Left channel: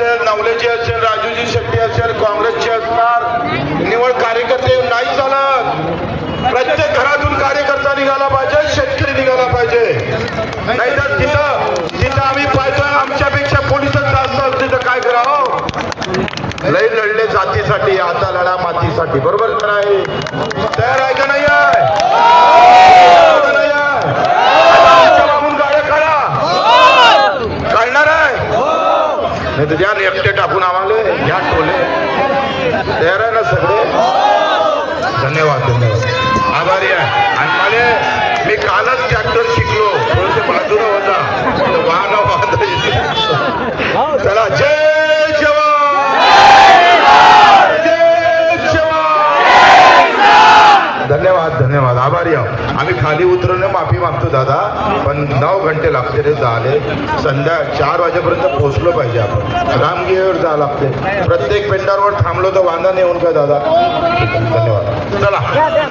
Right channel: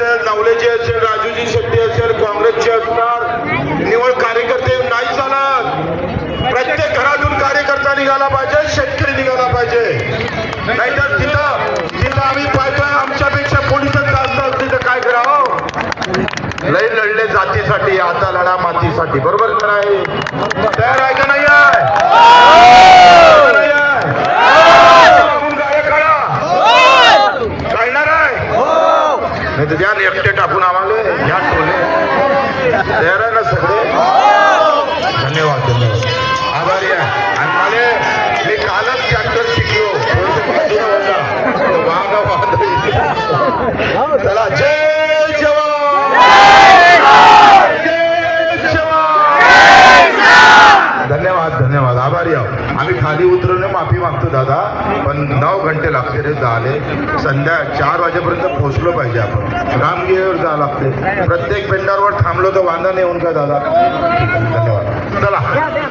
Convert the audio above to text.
नवलेजी असेल, राजूजी शेट्टी असेल, काँग्रेसचे असणार, निवड कार्यकर्ते नाही झालं. प्रत्येक घरातून कार्यकर्ता निघाला पाहिजे, शेतकरी निघाला पाहिजे. नाहीतर तिथं आम्ही पाहिजे आमच्यापेक्षा पोलिसच जास्त असते तर काय करावं. लय लढले जातीसाठी, आता लढा मातीसाठी. बरोबर नाही? तयार आहे का नाही आहे? गाड्या काढा, काढणार आहे नाही तर द्या एकटे टाकून आम्हाला या टोले. तयार आहे ना सगळे? धन्यवाद धन्यवाद, आभारी आहे. आणि मला मी कालच ट्रॅक्टर शिकलो, बाजूला होता चला. जय जवान, जय जवान. धन्यवाद धन्यवाद, आभारी आहोत. आम्ही खाली उतरून माफी मागतो दादा, पण 9 घंटे लागते रे झाले. संध्या 4 वाजेपर्यंत पोहोचलो पाहिजे आपण. रामगिरीवर जावं लागते. प्रत्येक पेंडावर थांबलो तर वांदा नाही होऊन का दादा? धन्यवाद. चला.